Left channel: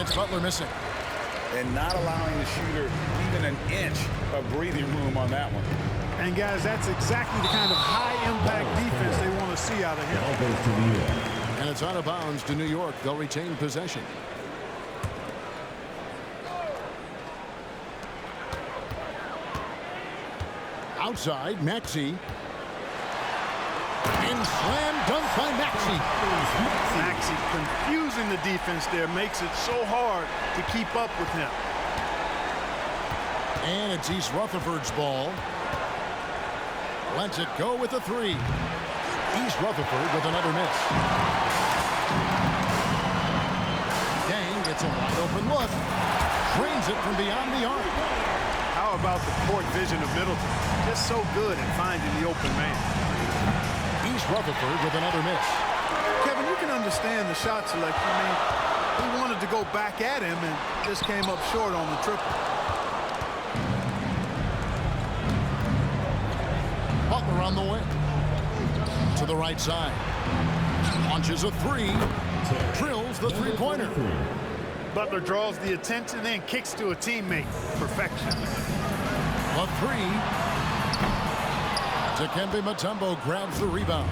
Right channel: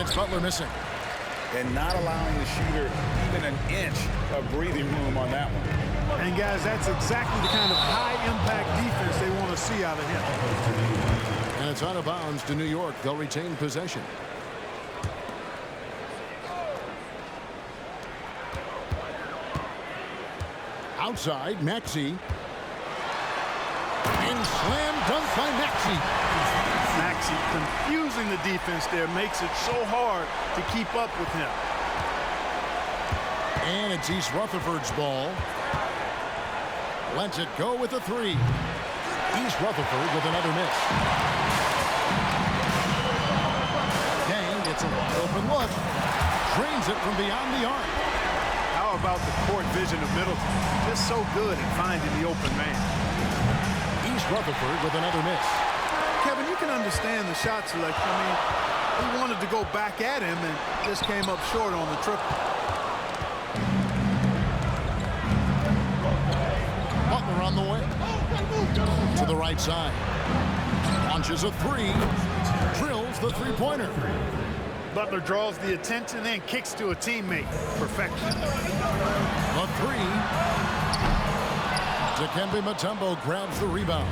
And it's Butler missing. And not allowing the shooter even an inch of breathing room on that one. And, guys, that's exactly the kind of high-impact defense they want to see out of him. And it's out of bounds to New York. They'll retain possession. Outside, Maxey. And slam dunk by Maxey. Maxey confusing the defense there makes it so hard to keep up with him. And it's East Rutherford's ball. Lets it go with a three. East Rutherford with another miss. Gang gets a wide open look. Drains it from beyond the arc. How about the court vision of Middleton? Just so good at finding the open man. East Rutherford with another miss. Kevin, you can understand the shot selection. I mean, he wanted to go back at him and just came up short on the triple. Butler on the way. To the right side. Launches a three. Drills the three-pointer. Butler draws the attention and kicks to a teammate. Perfection. The three. Dikembe Mutombo grabs the rebound.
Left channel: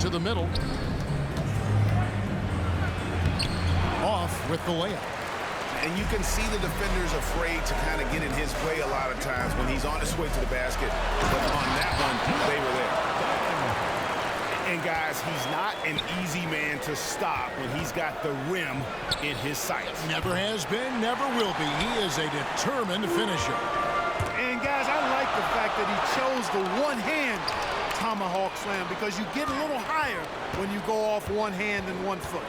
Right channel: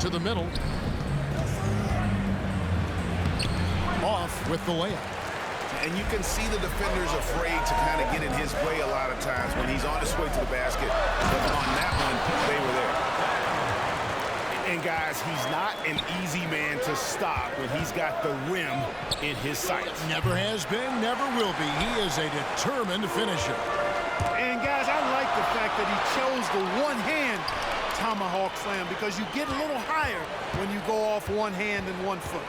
To the middle. Off with the layup. And you can see the defenders afraid to kind of get in his way a lot of times when he's on his way to the basket. But on that one, they were there. And, guys, he's not an easy man to stop when he's got the rim in his sights. Never has been, never will be. He is a determined finisher. And, guys, I like the fact that he chose the one-hand tomahawk slam because you get a little higher when you go off one hand and 1 foot.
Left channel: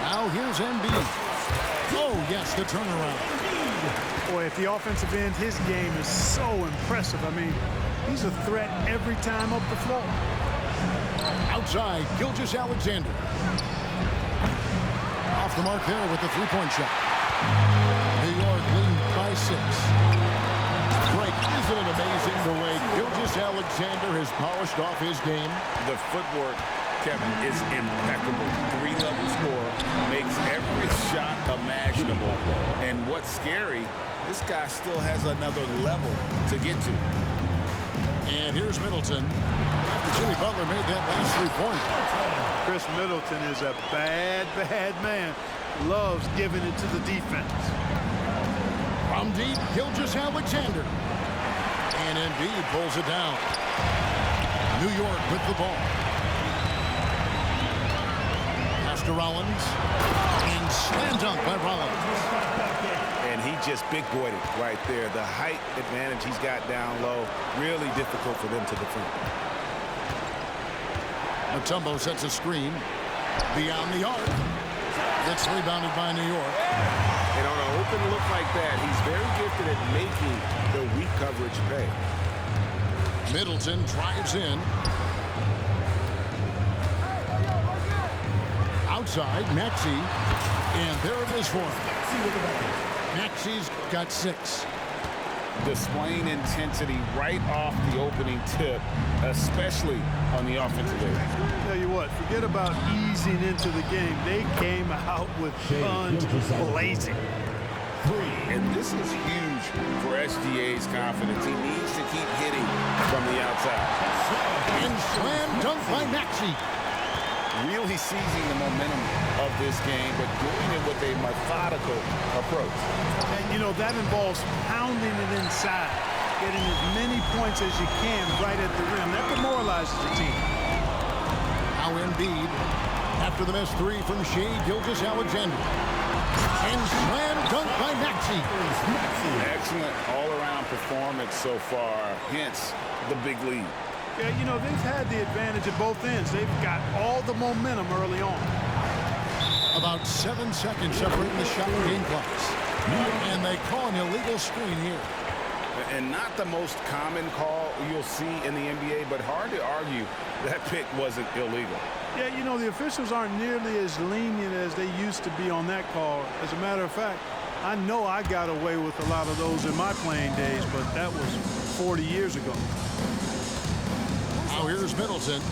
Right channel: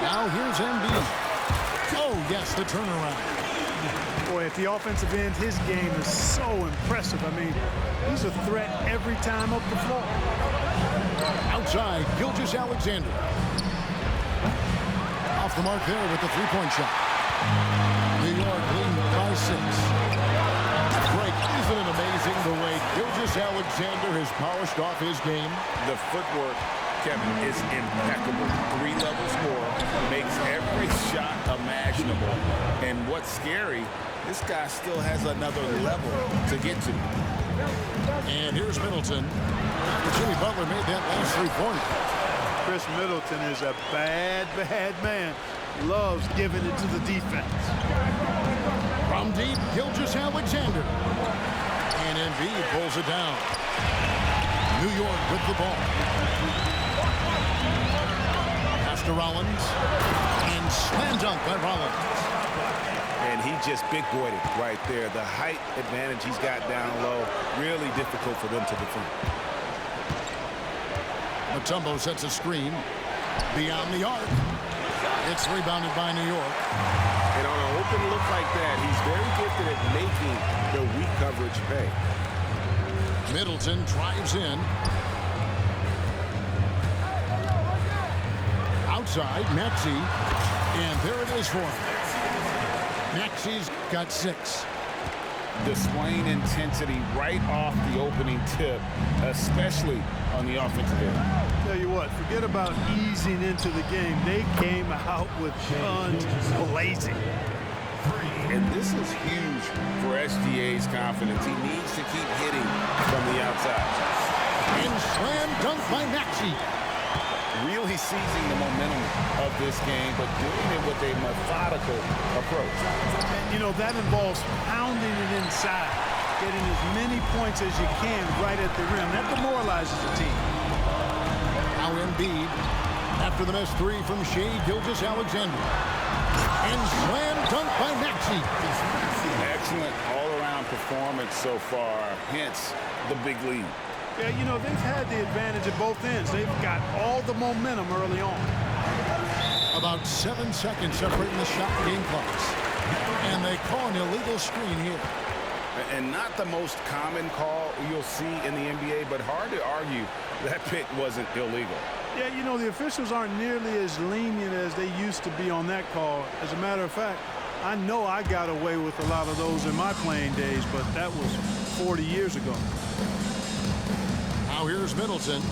Now here's Embiid. Oh, yes, the turnaround. Boy, at the offensive end, his game is so impressive. I mean, he's a threat every time up the floor. Outside, Gilgeous-Alexander. Off the mark there with the three-point shot. New York leading by 6. Frank, isn't it amazing the way Gilgeous-Alexander has polished off his game? The footwork, Kevin, is impeccable. 3-level scorer, makes every shot imaginable. And what's scary, this guy still has another level to get to. And here's Middleton. After Jimmy Butler made that last three-pointer. Chris Middleton is a bad, bad man. Loves giving it to the defense. From deep, Gilgeous-Alexander. And Embiid pulls it down. New York with the ball. Pass to Rollins. And slam dunk by Rollins. And he just big-boyed it right there. The height advantage he's got down low, really difficult for them to defend. Mutombo sets a screen. Beyond the arc. It's rebounded by New York. And on an open look like that, he's very gifted at making the weak coverage pay. Middleton drives in. Outside, Maxey. And there it is for him. Maxey's got 6. Displaying intensity right off the opening tip, especially on the offensive end. Tell you what, forget about easing into the game. They came out with guns blazing. And this is huge for SGA's confidence. He needs to keep hitting from the outside. And slam dunk by Maxey. Really seizing the momentum of this game, but doing it with a methodical approach. And, you know, that involves pounding it inside, getting as many points as you can right at the rim. That demoralizes the team. Now Embiid, after the missed 3 from Shea Gilgeous-Alexander. And slam dunk by Maxey. Excellent all-around performance so far, hence the big lead. Yeah, you know, they've had the advantage at both ends. They've got all the momentum early on. About 7 seconds separating the shot and game clocks. And they call an illegal screen here. And not the most common call you'll see in the NBA, but hard to argue that pick wasn't illegal. Yeah, you know, the officials aren't nearly as lenient as they used to be on that call. As a matter of fact, I know I got away with a lot of those in my playing days, but that was 40 years ago. Now here's Middleton.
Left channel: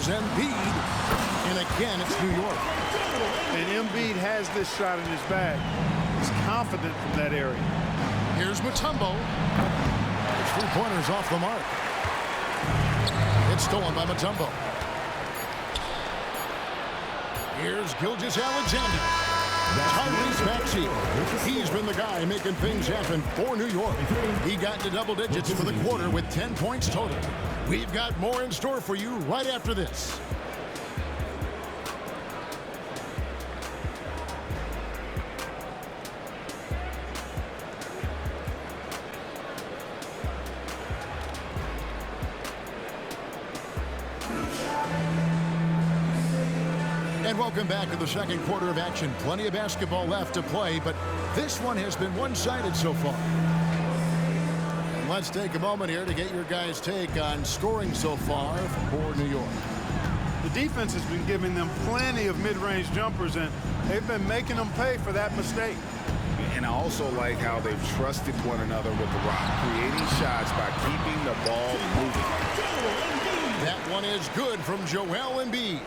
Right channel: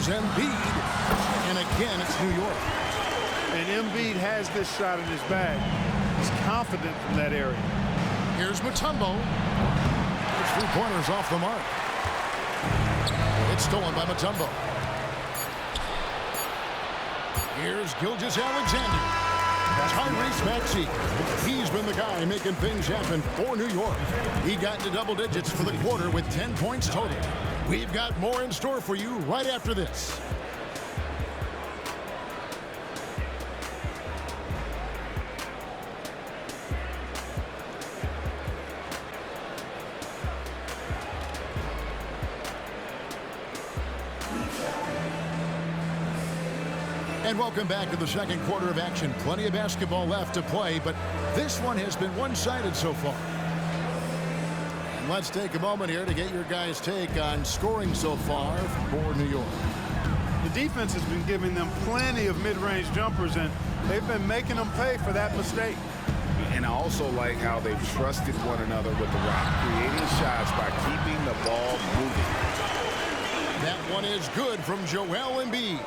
Here's Embiid. And again, it's New York. And Embiid has this shot in his bag. He's confident from that area. Here's Mutombo. His three-pointers off the mark. It's stolen by Mutombo. Here's Gilgeous-Alexander. Tyrese Maxey. He's been the guy making things happen for New York. He got into double digits for the quarter with 10 points total. We've got more in store for you right after this. And welcome back to the second quarter of action. Plenty of basketball left to play, but this one has been one-sided so far. And let's take a moment here to get your guys' take on scoring so far for New York. The defense has been giving them plenty of mid-range jumpers, and they've been making them pay for that mistake. And I also like how they've trusted one another with the rock, creating shots by keeping the ball moving. That one is good from Joel Embiid.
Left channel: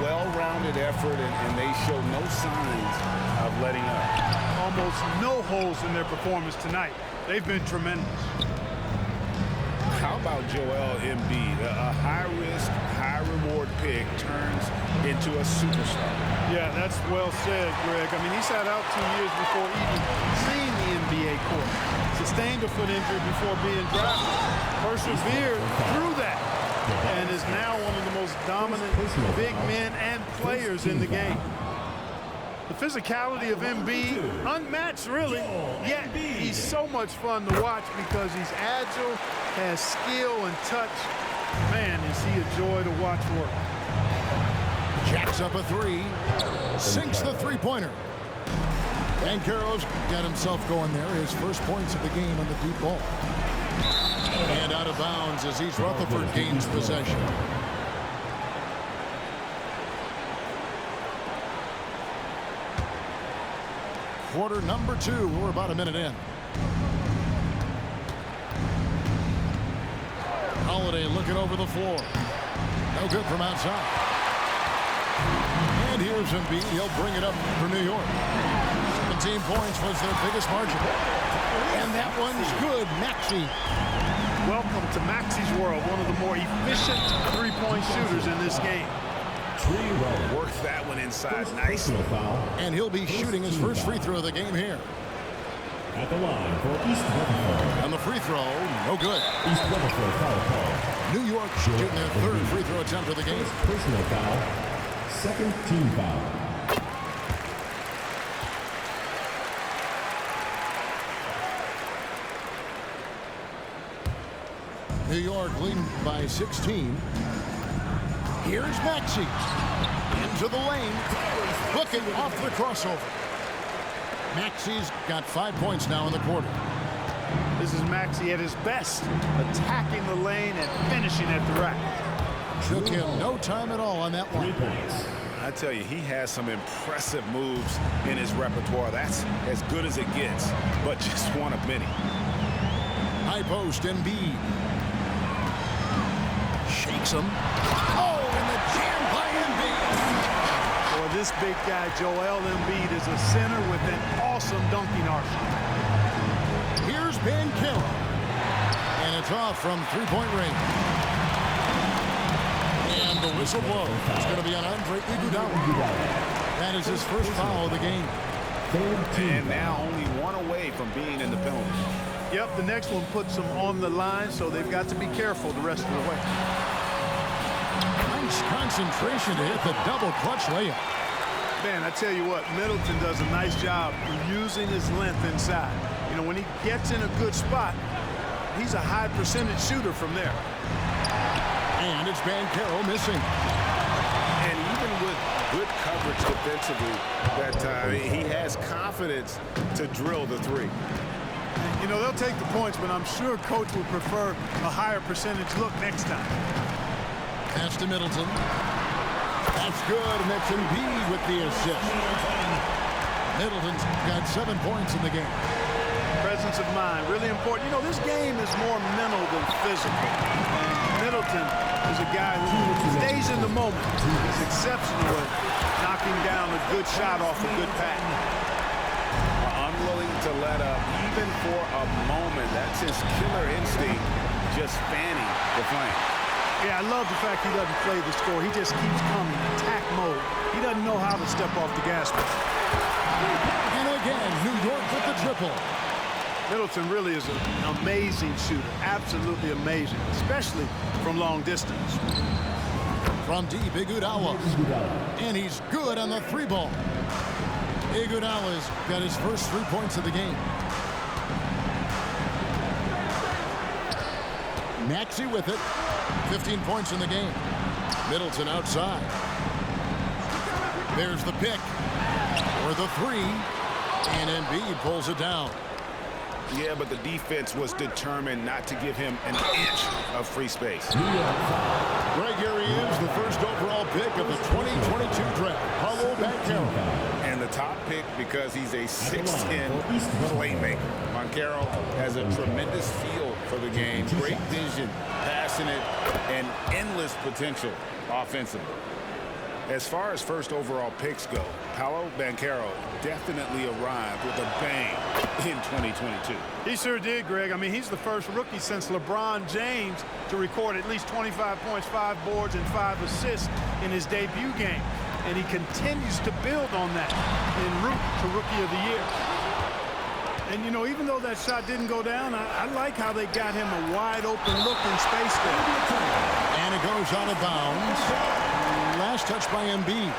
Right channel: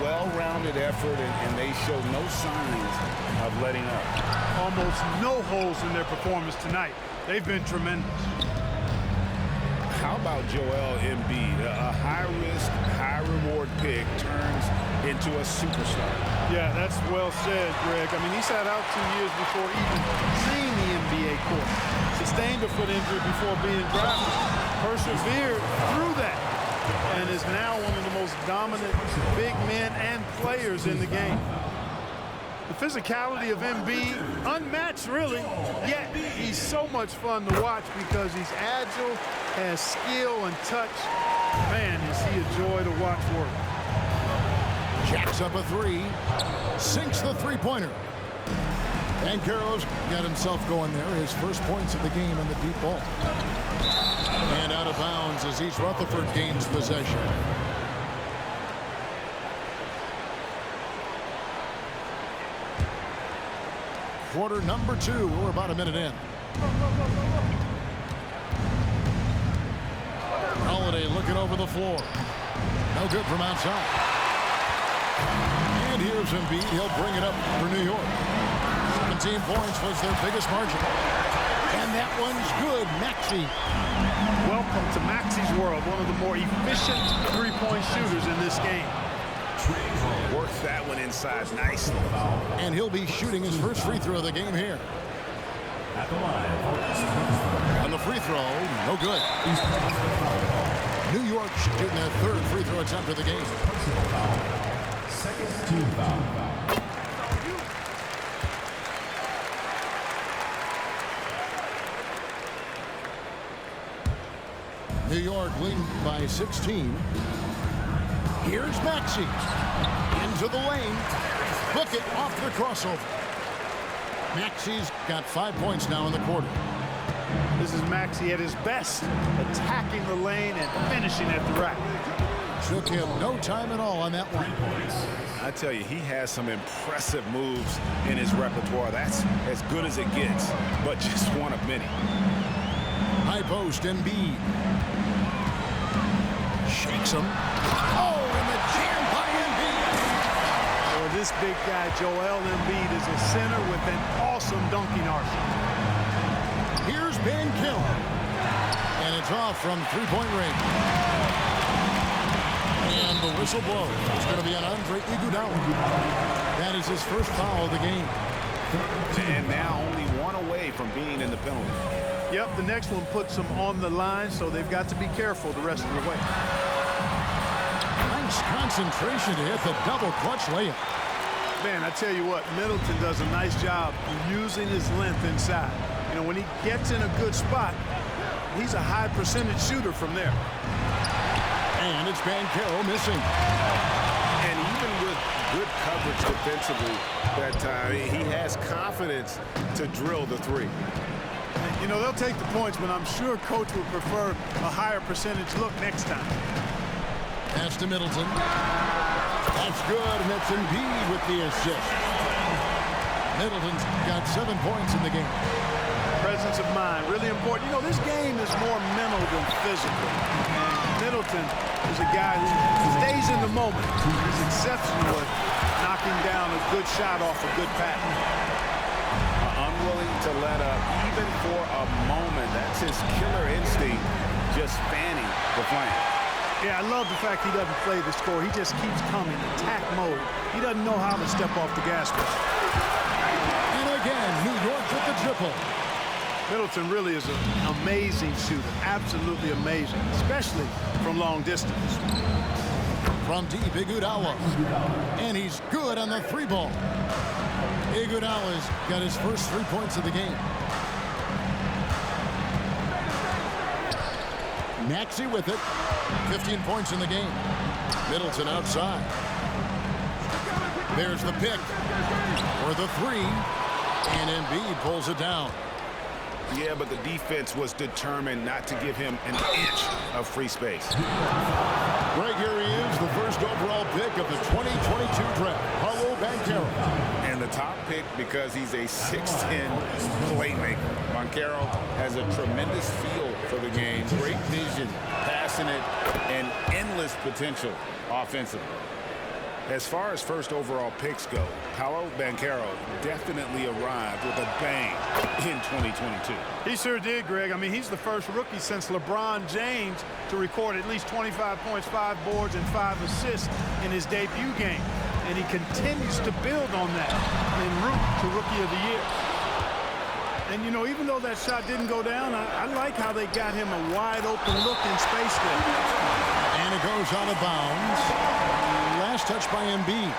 Well-rounded effort, and they show no signs of letting up. Almost no holes in their performance tonight. They've been tremendous. How about Joel Embiid? A high-risk, high-reward pick turns into a superstar. Yeah, that's well said, Greg. I mean, he sat out 2 years before even seeing the NBA court. Sustained a foot injury before being drafted. Persevered through that. And is now one of the most dominant big men and players in the game. The physicality of Embiid, unmatched really, yet he's so much fun to watch because he's agile, has skill and touch. Man, is he a joy to watch work. Jacks up a three, sinks the three-pointer. And Banchero's got himself going there, his first points of the game on the deep ball. And out of bounds as East Rutherford gains possession. Quarter number 2. We're about a minute in. Holiday looking over the floor. No good from outside. And here's Embiid. He'll bring it up for New York. 17 points was their biggest margin. And that one's good. Maxey. Welcome to Maxey's world, one of the more efficient three-point shooters in this game. Worked that one inside nicely. And he'll be shooting his first free throw of the game here. At the line for East Rutherford. On the free throw, no good. East Rutherford foul call. New York shooting their third free throw attempt of the game. Personal foul. Second team foul. New York leading by 16. Here's Maxey. Into the lane. Book it off the crossover. Maxey's got 5 points now in the quarter. This is Maxey at his best, attacking the lane and finishing at the rack. Took him no time at all on that one. I tell you, he has some impressive moves in his repertoire. That's as good as it gets, but just one of many. High post, Embiid. Shakes him. Oh, and the jam by Embiid. Boy, this big guy, Joel Embiid, is a center with an awesome dunking arsenal. Here's Banchero. And it's off from three-point range. And the whistle blows. It's going to be on Andre Iguodala. That is his first foul of the game. And now only one away from being in the penalty. Yep, the next one puts them on the line, so they've got to be careful the rest of the way. Nice concentration to hit the double clutch layup. Man, I tell you what, Middleton does a nice job using his length inside. You know, when he gets in a good spot, he's a high percentage shooter from there. And it's Banchero missing. And even with good coverage defensively that time, he has confidence to drill the three. And, you know, they'll take the points, but I'm sure coach would prefer a higher percentage look next time. Pass to Middleton. That's good, and that's Embiid with the assist. Middleton's got 7 points in the game. Presence of mind, really important. You know, this game is more mental than physical. And Middleton is a guy who stays in the moment. He's exceptional at knocking down a good shot off a good pass. Unwilling to let up even for a moment. That's his killer instinct, just fanning the flames. Yeah, I love the fact he doesn't play the score. He just keeps coming, attack mode. He doesn't know how to step off the gas pedal. And again, New York with the triple. Middleton really is an amazing shooter, absolutely amazing, especially from long distance. From deep, Iguodala. And he's good on the three ball. Iguodala's got his first 3 points of the game. Maxey with it. 15 points in the game. Middleton outside. There's the pick. Or the three. And Embiid pulls it down. Yeah, but the defense was determined not to give him an inch of free space. Greg, here he is, the first overall pick of the 2022 draft, Paolo Banchero. And the top pick because he's a 6'10 playmaker. Banchero has a tremendous feel for the game, great vision, passing it, and endless potential offensively. As far as first overall picks go, Paolo Banchero definitely arrived with a bang in 2022. He sure did, Greg. I mean, he's the first rookie since LeBron James to record at least 25 points, 5 boards, and 5 assists in his debut game. And he continues to build on that en route to Rookie of the Year. And, you know, even though that shot didn't go down, I like how they got him a wide-open look in space there. And it goes out of bounds. Last touch by Embiid.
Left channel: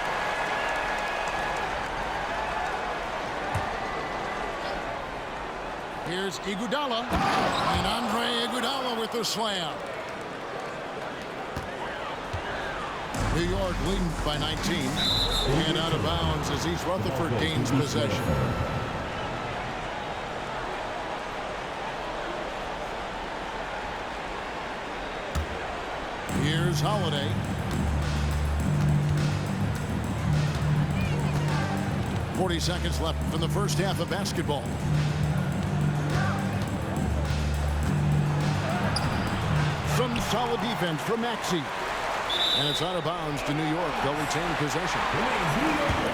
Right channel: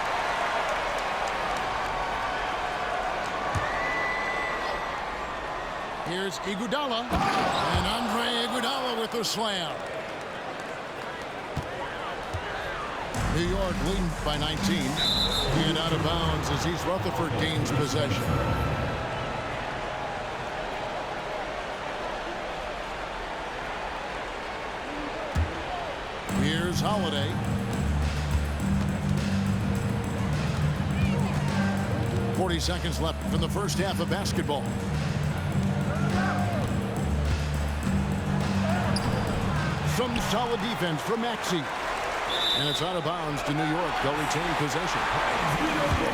Here's Iguodala. And Andre Iguodala with the slam. New York leading by 19. And out of bounds as East Rutherford gains possession. Here's Holiday. 40 seconds left from the first half of basketball. Some solid defense from Maxey. And it's out of bounds to New York. They'll retain possession.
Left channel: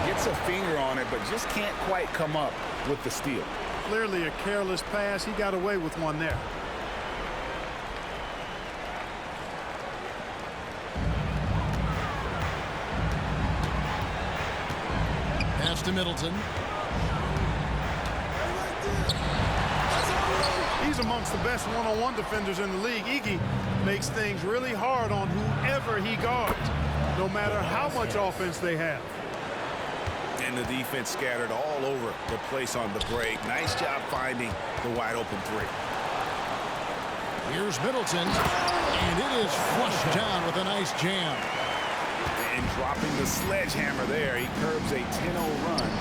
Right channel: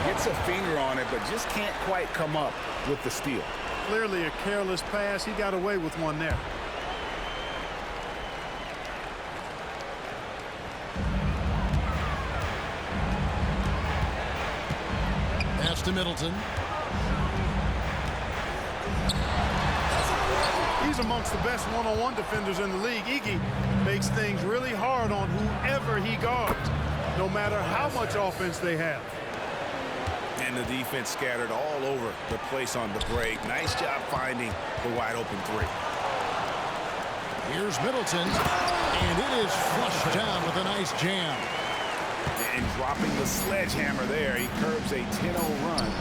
Gets a finger on it, but just can't quite come up with the steal. Clearly a careless pass. He got away with one there. Pass to Middleton. He's amongst the best one-on-one defenders in the league. Iggy makes things really hard on whoever he guards, no matter how much offense they have. And the defense scattered all over the place on the break. Nice job finding the wide-open three. Here's Middleton. And it is flushed down with a nice jam. And dropping the sledgehammer there, he curbs a 10-0 run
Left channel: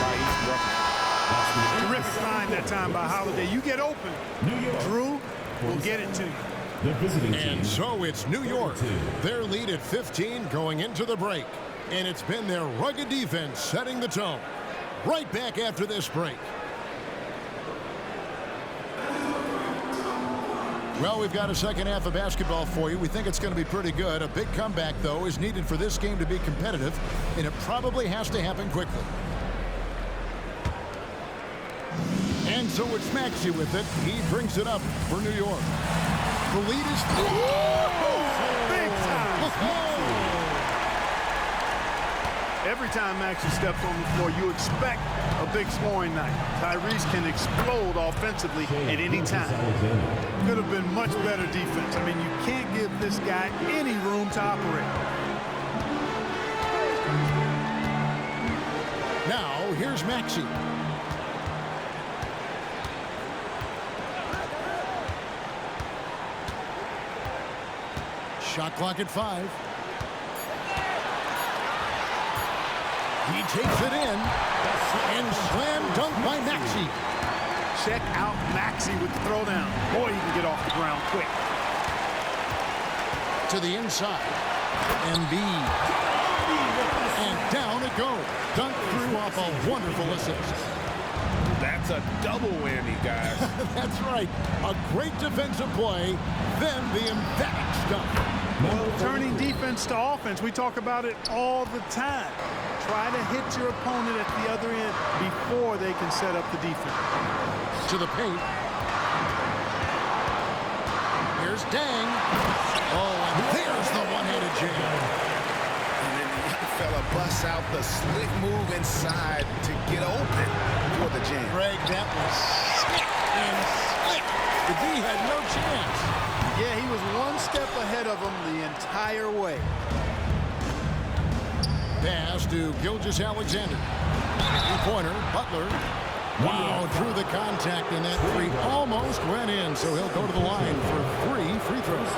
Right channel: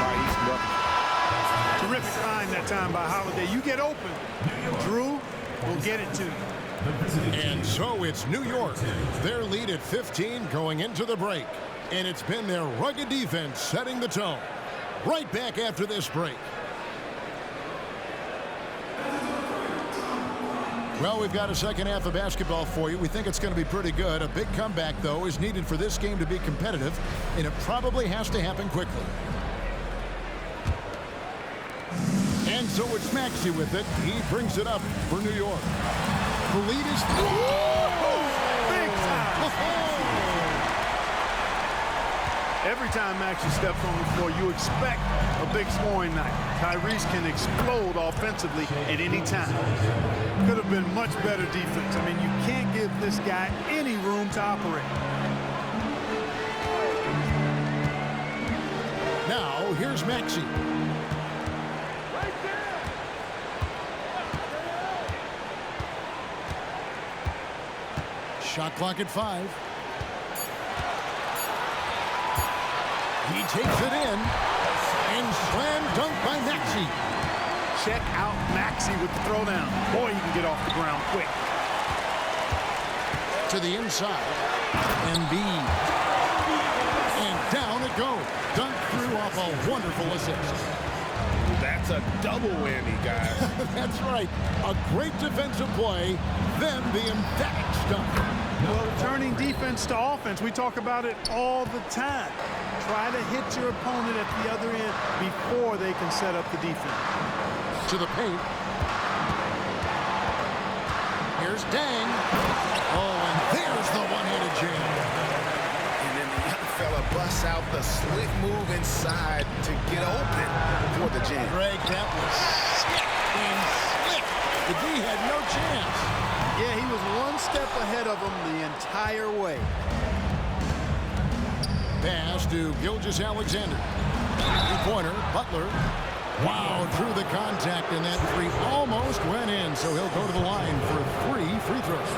by East Rutherford. Terrific find that time by Holiday. You get open, Drew will get it to you. And so it's New York. Their lead at 15 going into the break. And it's been their rugged defense setting the tone. Right back after this break. Well, we've got a second half of basketball for you. We think it's going to be pretty good. A big comeback, though, is needed for this game to be competitive, and it probably has to happen quickly. And so it's Maxey with it. He brings it up for New York. The lead is... Big time! Every time Maxey steps on the floor, you expect a big scoring night. Tyrese can explode offensively at any time. Could have been much better defense. I mean, you can't give this guy any room to operate. Now, here's Maxey. Shot clock at 5. He takes it in. And slam dunk by Maxey. Check out Maxey with the throwdown. Boy, he can get off the ground quick. To the inside. Embiid. And down it goes. Dunk through off a wonderful assist. That's a double whammy, guys. That's right. A great defensive play, then the emphatic stuff. Well, turning defense to offense, we talk about it all the time. Try to hit your opponent at the other end before they can set up the defense. To the paint. Here's Dang. Oh, and there's the one-handed jam. And then the young fella busts out the slick move inside to get open for the jam. Greg, that was sick and slick. The D had no chance. Yeah, he was one step ahead of him the entire way. Pass to Gilgeous-Alexander. Three-pointer, Butler. Wow, drew the contact, and that three almost went in, so he'll go to the line for 3 free throws.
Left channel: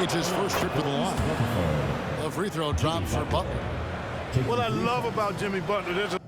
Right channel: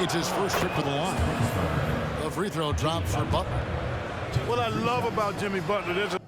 It's his first trip to the line. The free throw drops for Butler. What I love about Jimmy Butler, there's a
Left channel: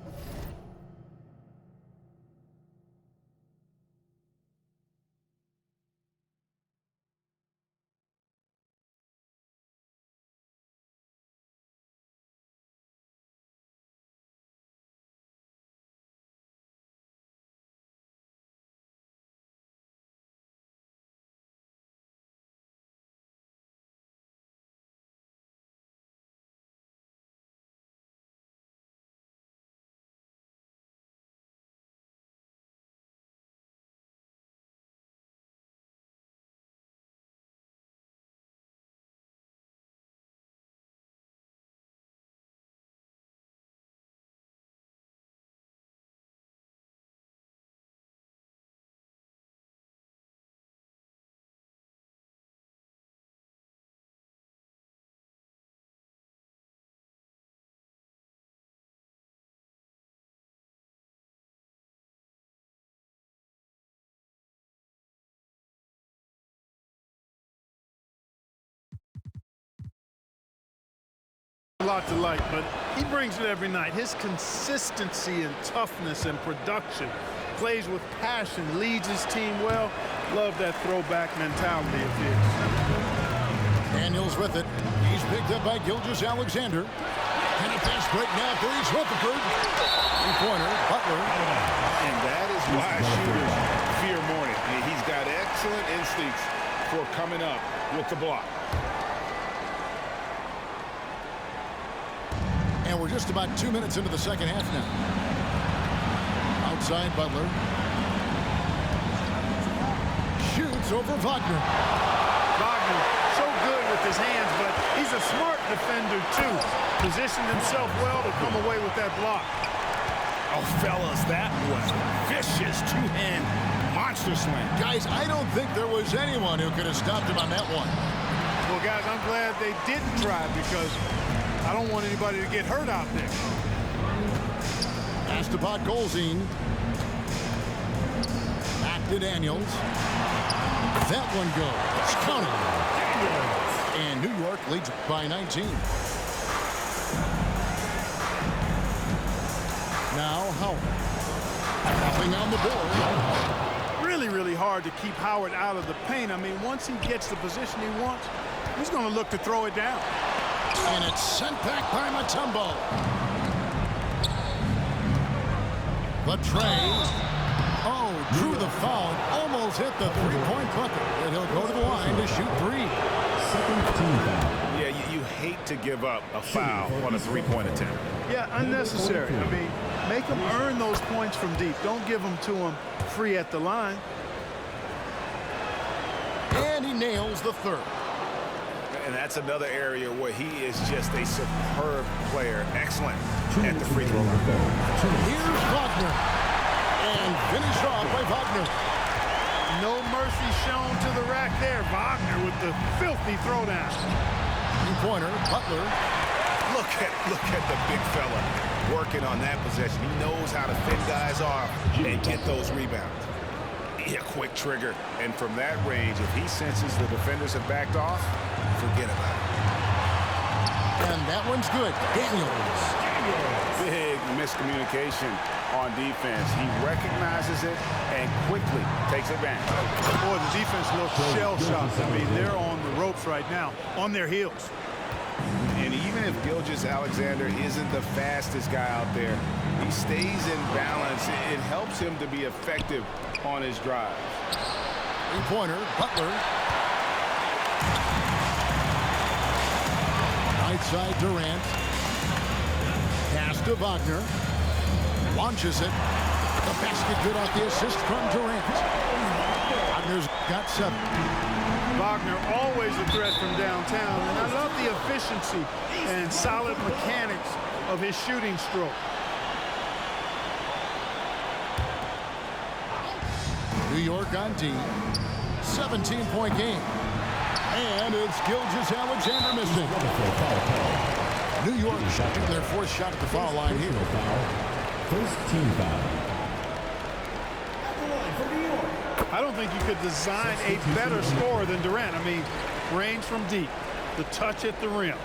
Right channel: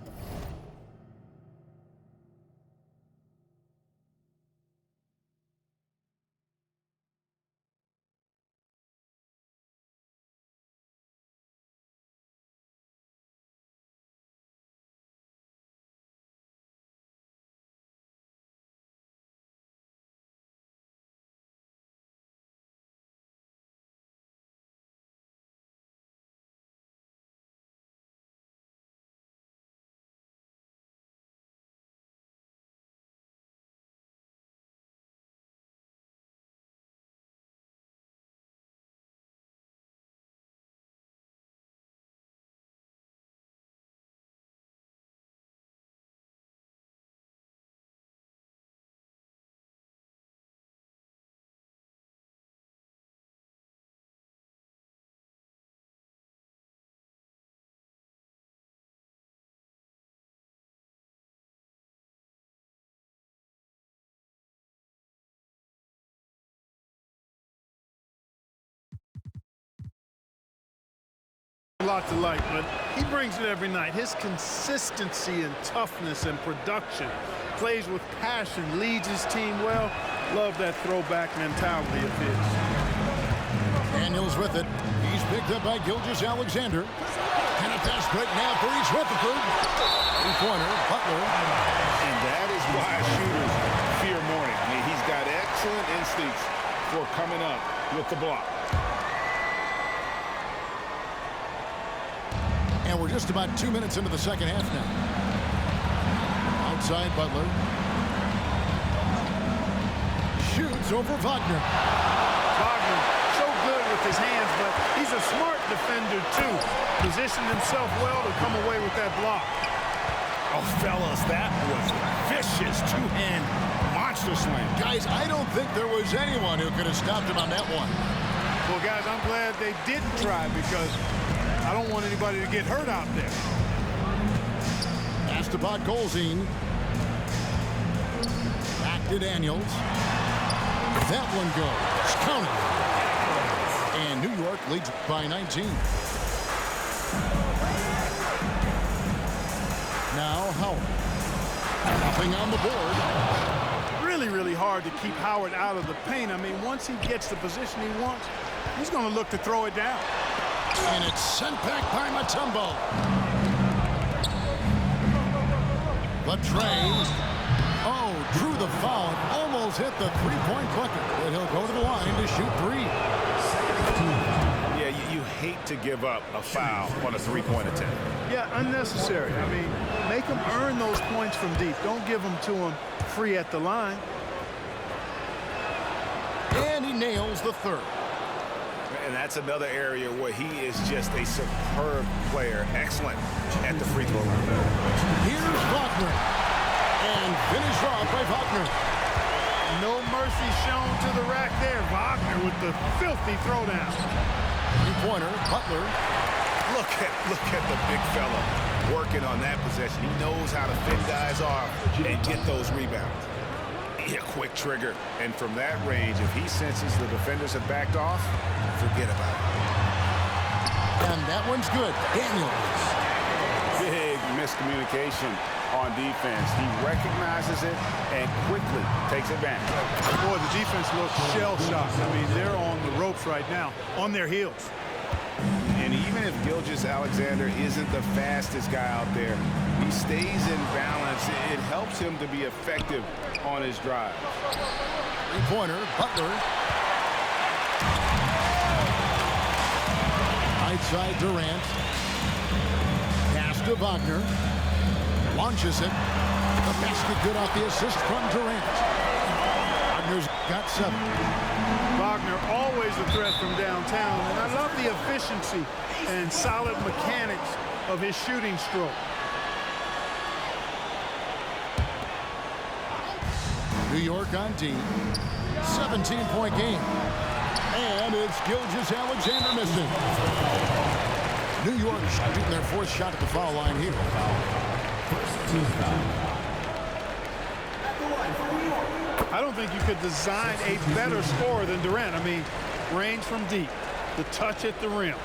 lot to like, but he brings it every night. His consistency and toughness and production, plays with passion, leads his team well. Love that throwback mentality of his. Daniels with it. He's picked up by Gilgeous-Alexander. And a fast break now for East Rutherford. Three-pointer, Butler. And that is why shooters fear Mourning. He's got excellent instincts for coming up with the block. And we're just about 2 minutes into the second half now. Outside Butler. Shoots over Wagner. Wagner, so good with his hands, but he's a smart defender, too. Positioned himself well to come away with that block. Oh, fellas, that was vicious two-hand monster slam. Guys, I don't think there was anyone who could have stopped him on that one. Well, guys, I'm glad they didn't try because I don't want anybody to get hurt out there. Pass to Podkolzin. Back to Daniels. That one goes. Count it. And New York leads by 19. Now Howard. Nothing on the board. Really, really hard to keep Howard out of the paint. I mean, once he gets the position he wants, he's going to look to throw it down. And it's sent back by Mutombo. But Trey, drew the foul and almost hit the three-point bucket. But he'll go to the line to shoot 3. Yeah, you hate to give up a foul on a three-point attempt. Yeah, unnecessary. I mean, make them earn those points from deep. Don't give them to them free at the line. And he nails the third. And that's another area where he is just a superb player. Excellent at the free throw line. Here's Wagner. And finished off by Wagner. No mercy shown to the rack there. Wagner with the filthy throwdown. Three-pointer, Butler. Look at the big fella working on that possession. He knows how to fend guys off and get those rebounds. A quick trigger, and from that range, if he senses the defenders have backed off, forget about it. And that one's good. Daniels. Big miscommunication on defense. He recognizes it and quickly takes advantage. Boy, the defense looks shell-shocked. I mean, they're on the ropes right now, on their heels. And And even if Gilgeous-Alexander isn't the fastest guy out there, he stays in balance. It helps him to be effective on his drives. Three-pointer, Butler. Right side, Durant. Pass to Wagner. Launches it. The basket good off the assist from Durant. Wagner's got 7. Wagner always a threat from downtown, and I love the efficiency and solid mechanics of his shooting stroke. New York on D. 17-point game. And it's Gilgeous-Alexander missing. New York shooting their 4th shot at the foul line here. First team foul. At the line for New York. I don't think you could design a better scorer than Durant. I mean, range from deep, the touch at the rim,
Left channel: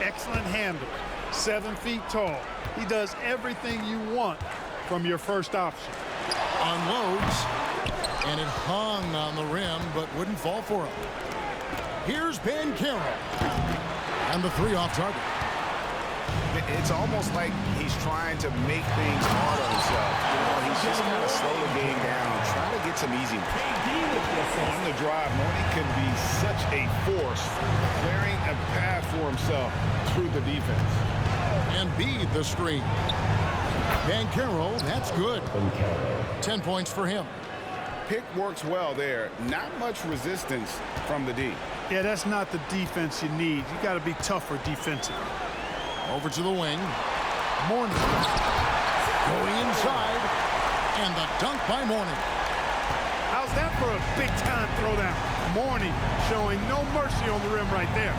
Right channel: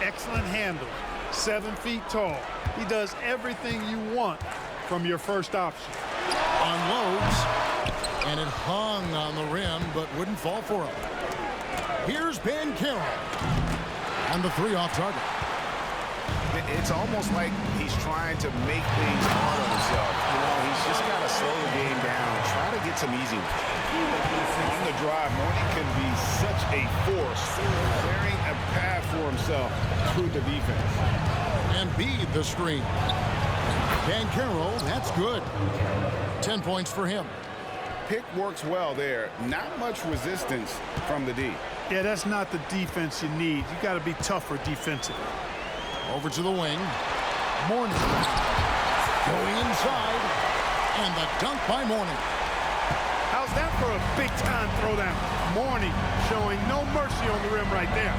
excellent handle, 7 feet tall. He does everything you want from your first option. Unloads, and it hung on the rim, but wouldn't fall for him. Here's Banchero, and the 3 off target. It's almost like he's trying to make things hard on himself. You know, he's just got to slow the game down, try to get some easy ones. On the drive, Mourning can be such a force, clearing a path for himself through the defense. Embiid the screen. Banchero, that's good. 10 points for him. Pick works well there. Not much resistance from the D. Yeah, that's not the defense you need. You got to be tougher defensively. Over to the wing. Mourning. Going inside. And the dunk by Mourning. How's that for a big-time throwdown? Mourning showing no mercy on the rim right there.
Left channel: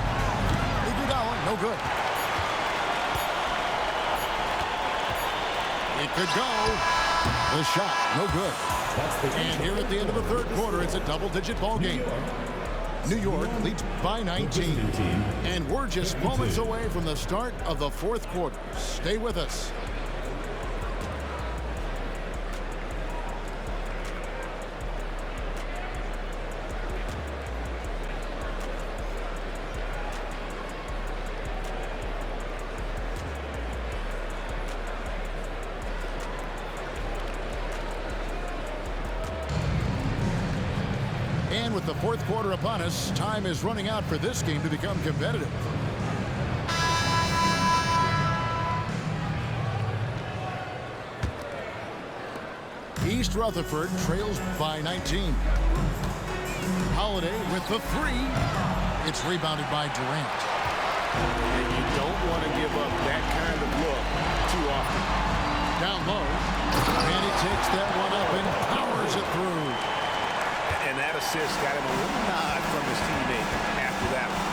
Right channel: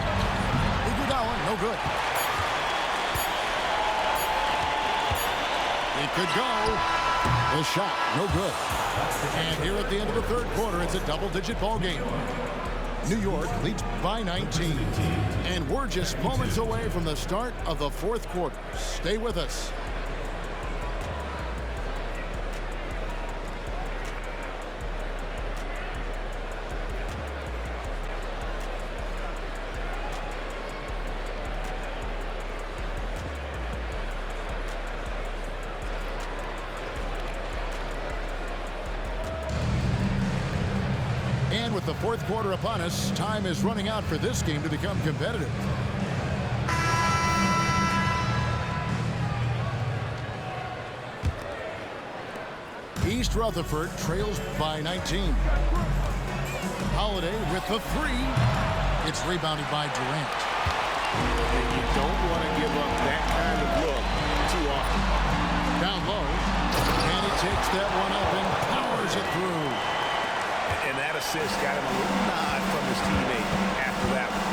Iguodala, no good. It could go. The shot, no good. And here at the end of the 3rd quarter, it's a double-digit ball game. New York leads by 19. And we're just moments away from the start of the 4th quarter. Stay with us. And with the 4th quarter upon us, time is running out for this game to become competitive. East Rutherford trails by 19. Holiday with the 3. It's rebounded by Durant. And you don't want to give up that kind of look too often. Down low. And he takes that one up and powers it through. And that assist got him a little nod from his teammate after that one.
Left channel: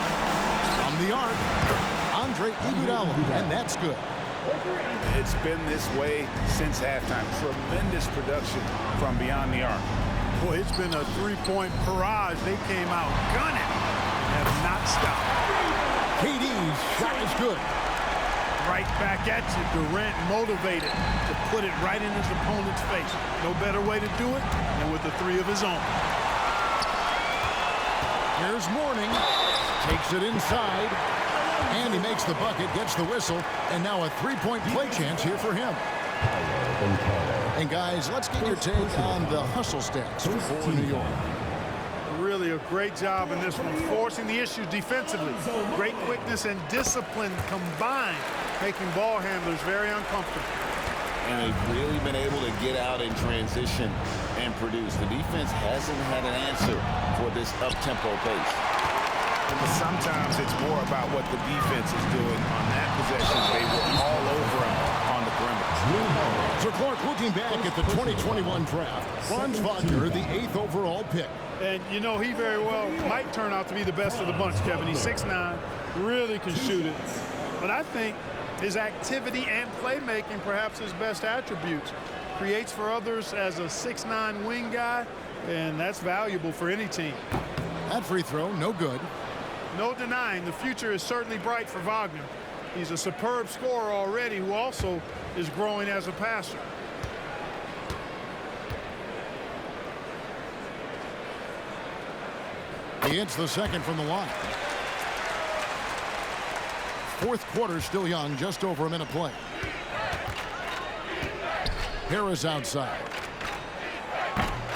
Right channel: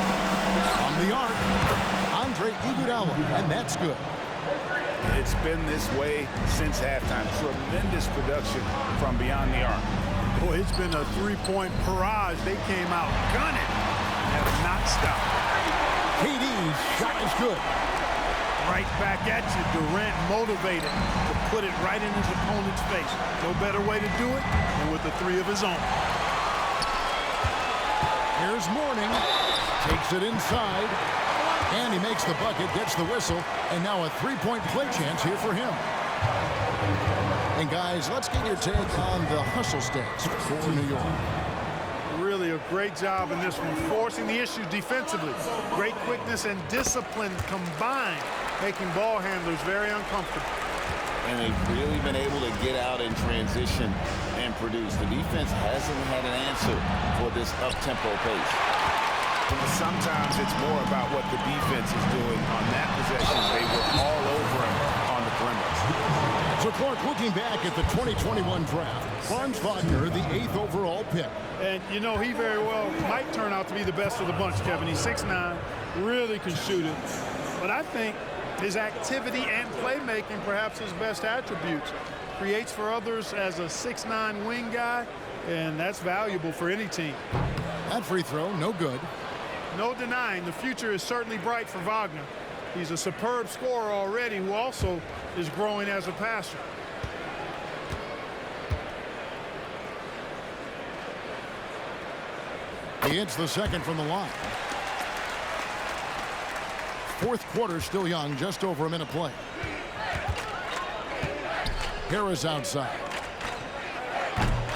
From the arc, Andre Iguodala, and that's good. It's been this way since halftime. Tremendous production from beyond the arc. Boy, it's been a 3-point barrage. They came out gunning and have not stopped. KD's shot is good. Right back at you. Durant motivated to put it right in his opponent's face. No better way to do it than with the 3 of his own. Here's Mourning. Takes it inside. And he makes the bucket, gets the whistle, and now a 3-point play chance here for him. And guys, let's get your take on the hustle stats for New York. Really a great job in this one, forcing the issue defensively. Great quickness and discipline combined, making ball handlers very uncomfortable. And they've really been able to get out in transition and produce. The defense hasn't had an answer for this up-tempo pace. But sometimes it's more about what the defense is doing. On that possession, they were all over him on the perimeter. So Clark, looking back at the 2021 draft, Franz Wagner, the 8th overall pick. And, you know, he very well might turn out to be the best of the bunch, Kevin. He's 6'9", really can shoot it. But I think his activity and playmaking, perhaps his best attributes, creates for others as a 6'9" wing guy, and that's valuable for any team. That free throw, no good. No denying the future is certainly bright for Wagner. He's a superb scorer already who also is growing as a passer. He hits the second from the line. fourth quarter still young, just over a minute play. Harris outside.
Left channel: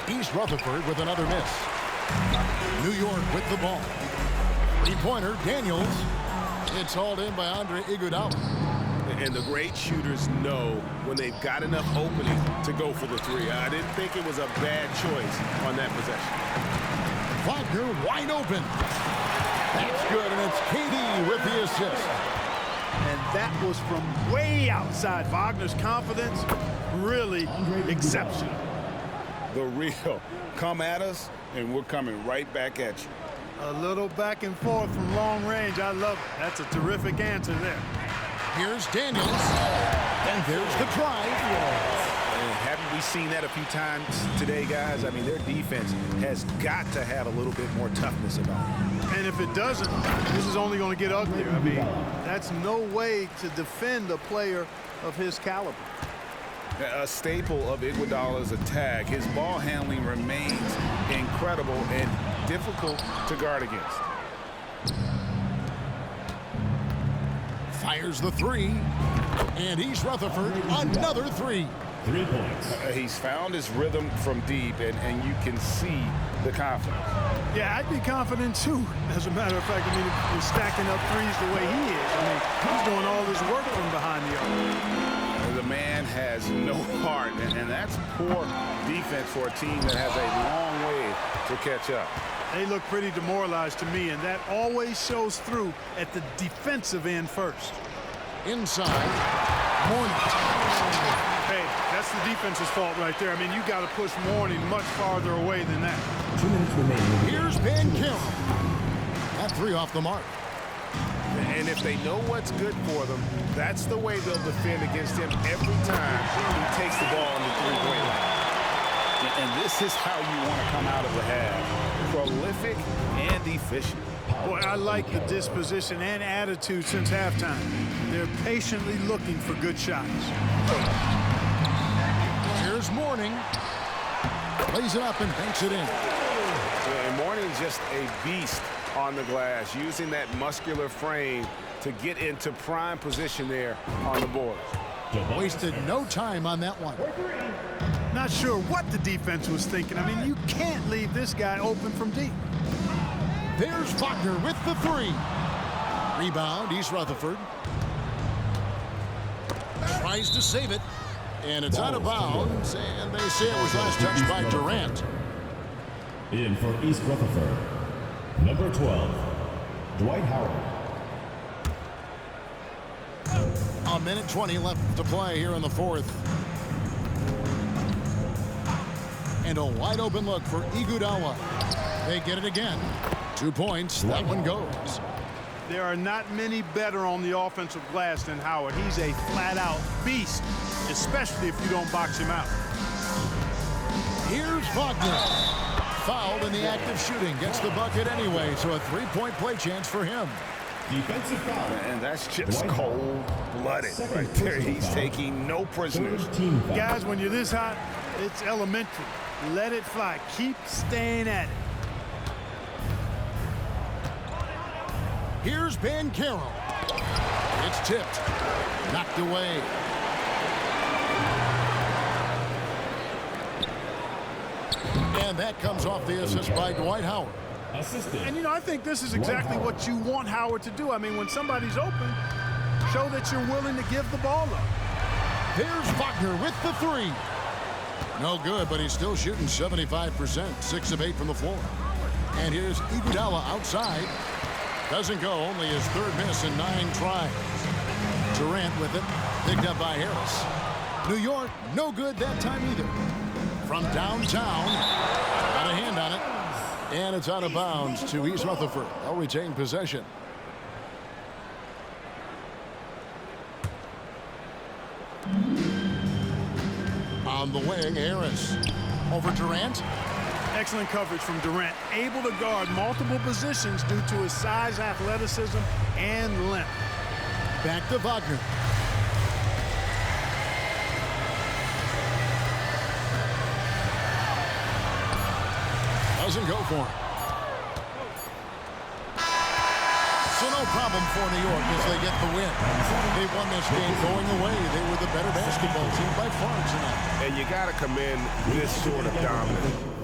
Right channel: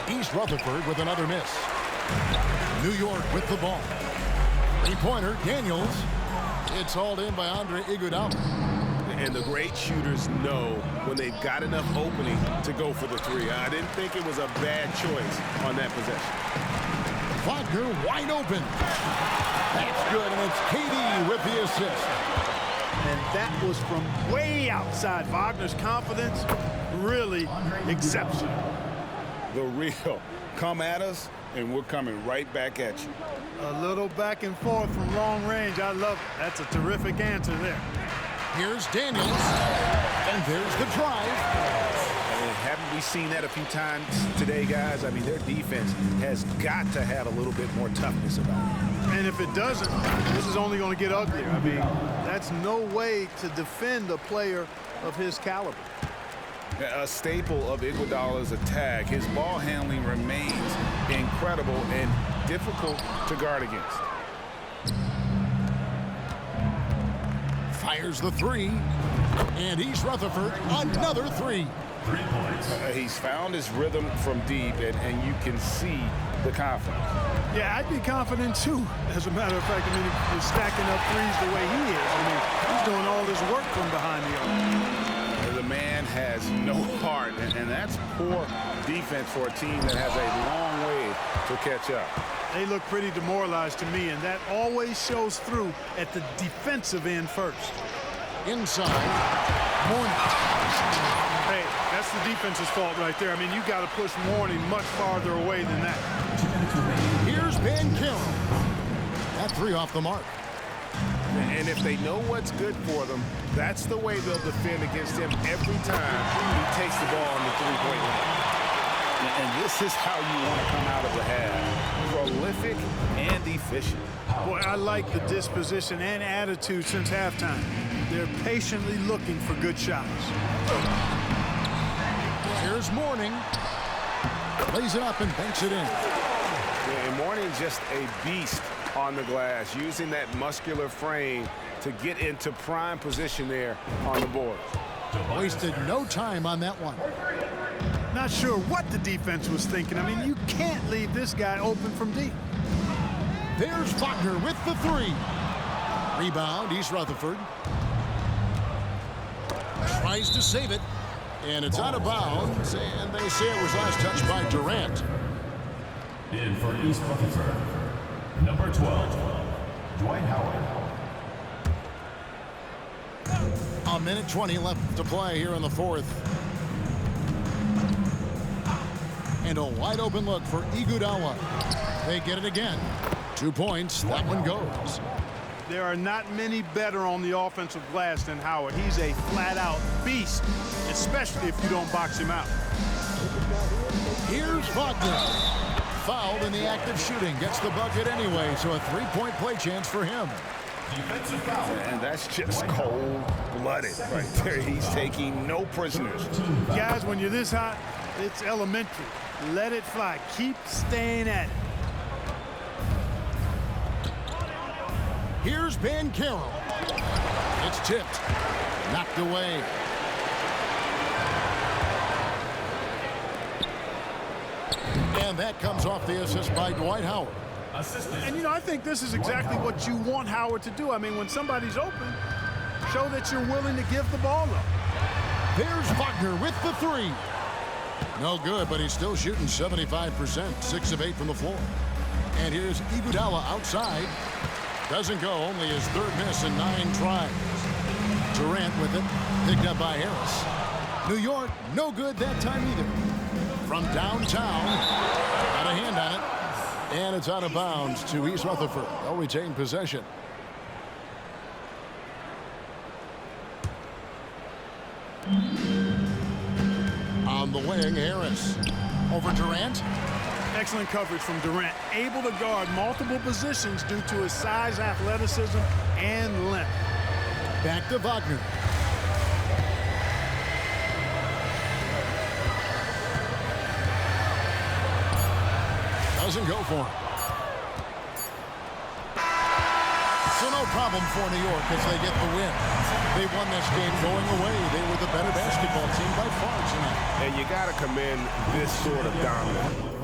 East Rutherford with another miss. New York with the ball. Three-pointer, Daniels. It's hauled in by Andre Iguodala. And the great shooters know when they've got enough opening to go for the three. I didn't think it was a bad choice on that possession. Wagner wide open. That's good, and it's KD with the assist. And that was from way outside. Wagner's confidence, really exceptional. The real. Come at us, and we're coming right back at you. A little back and forth from long range. I love it. That's a terrific answer there. Here's Daniels, and there's the drive. And haven't we seen that a few times today, guys? I mean, their defense has got to have a little bit more toughness about it. And if it doesn't, this is only going to get uglier. I mean, that's no way to defend a player of his caliber. A staple of Iguodala's attack, his ball handling remains incredible and difficult to guard against. Fires the three, and East Rutherford another three. 3 points. He's found his rhythm from deep, and you can see the confidence. Yeah, I'd be confident too. As a matter of fact, I mean, if you're stacking up threes the way he is, I mean, he's doing all this work from behind the arc. The man has no heart, and that's poor defense for a team that has a long way to catch up. They look pretty demoralized to me, and that always shows through at the defensive end first. Inside, Mourning. Hey, that's the defense's fault right there. I mean, you got to push Mourning much farther away than that. 2 minutes remaining. Here's Ben Carroll. That three off the mark. And if they know what's good for them, that's the way they'll defend against him every time he takes the ball on the three-point line. And this is how you want to come out of the half. Prolific and efficient. Boy, I like the disposition and attitude since halftime. They're patiently looking for good shots. Here's Mourning. Lays it up and banks it in. And Mourning's just a beast on the glass, using that muscular frame to get into prime position there on the board. Wasted no time on that one. Not sure what the defense was thinking. I mean, you can't leave this guy open from deep. There's Wagner with the three. Rebound, East Rutherford. Tries to save it, and it's out of bounds, and they say it was last touched by Durant. In for East Rutherford, number 12, Dwight Howard. A minute 20 left to play here in the fourth. And a wide open look for Iguodala. They get it again. 2 points, that one goes. There are not many better on the offensive glass than Howard. He's a flat-out beast, especially if you don't box him out. Here's Wagner. Fouled in the act of shooting. Gets the bucket anyway, so a three-point play chance for him. Defensive foul. And that's just cold-blooded right there. He's taking no prisoners. Guys, when you're this hot, it's elementary. Let it fly. Keep staying at it. Here's Ben Carroll. It's tipped. Knocked away. And that comes off the assist by Dwight Howard. Assisted. And, you know, I think this is exactly what you want Howard to do. I mean, when somebody's open, show that you're willing to give the ball up. There's Wagner with the three. No good, but he's still shooting 75%, 6 of 8 from the floor. And here's Iguodala outside. Doesn't go, only his third miss in 9 tries. Durant with it, picked up by Harris. New York, no good that time either. From downtown, got a hand on it. And it's out of bounds to East Rutherford. They'll retain possession. On the wing, Harris. Over Durant. Excellent coverage from Durant. Able to guard multiple positions due to his size, athleticism, and length. Back to Wagner. Doesn't go for him. So no problem for New York as they get the win. They won this game going away. They were the better basketball team by far tonight. And you got to commend this sort of dominance.